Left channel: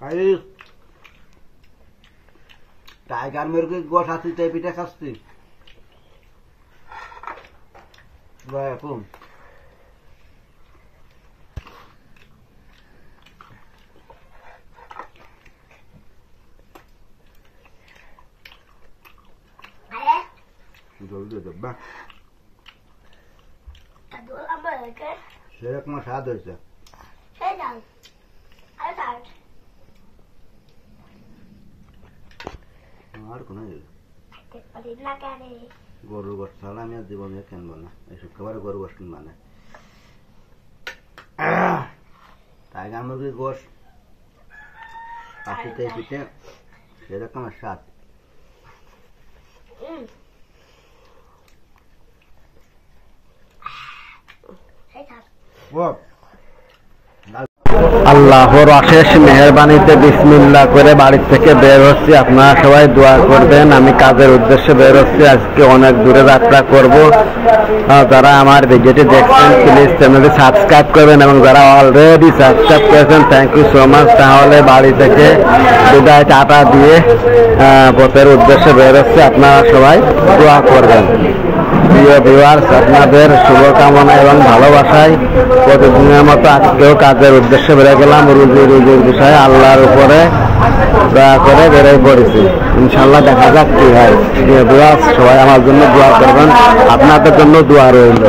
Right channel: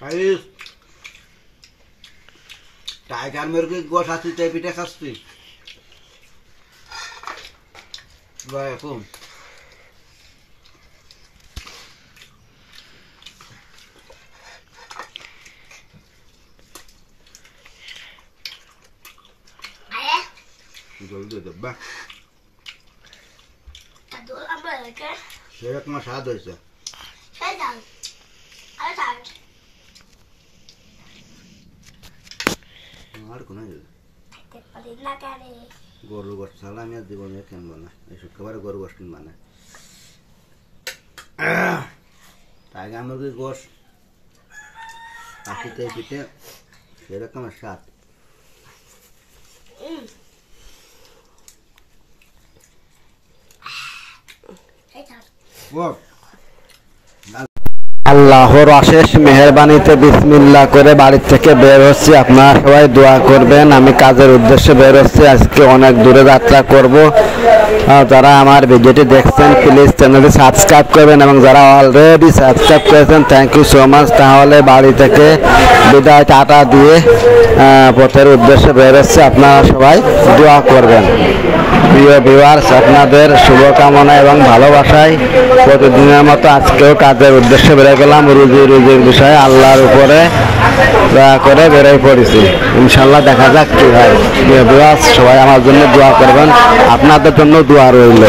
Guys, tiger মুরগি গোশ আছে তাই পিঠা খাচ্ছি এখন জলদি দেবা সেরকম স্বাদ হয়েছে আর কোনো গরুর গোশত ছাড়া আমি আর জীবনে কিনবো না এই শুক্রবারে গরুর গোশত কিনবো না টাইগার মুরগির গোশ পাখিতে পিঠে সেরকম স্বাদ আল্লাহর অশেষ মেহেরবানিতে বিসমিল্লাহ করে বাড়ি থেকে বের হচ্ছি। আপনারা সবাই দোয়া করবেন। আমি কাজের উদ্দেশ্যে বের হচ্ছি, আজকে অনেক দূরে যাত্রা করব। যারা আমার ভিডিওটি দেখছেন প্লিজ চ্যানেলটি সাবস্ক্রাইব করবেন এবং যারা অলরেডি সাবস্ক্রাইব করেছেন থ্যাংক ইউ সো মাচ। তাহলে বাড়ি থেকে বিদায় টাটা দিয়ে পথের উদ্দেশ্যে বের হচ্ছে। আপনারা সবাই দোয়া করবেন। প্রিয় ভিউয়ার্স, আপনাদের শুভকামনা এবং ভালোবাসায় প্রতিদিনের মতো আজকেও কাজের উদ্দেশ্যে বেড়ে গেলাম। রুজির বিষয়ে আল্লাহর উপরে দোয়া করে বেরোয় পড়েছি। ইনশাল্লাহ দেখা যাক কি হয়। প্রিয় ভিউয়ার্স, সবাই আমার জন্য দোয়া করবেন, আপনাদের জন্য দোয়া রইল।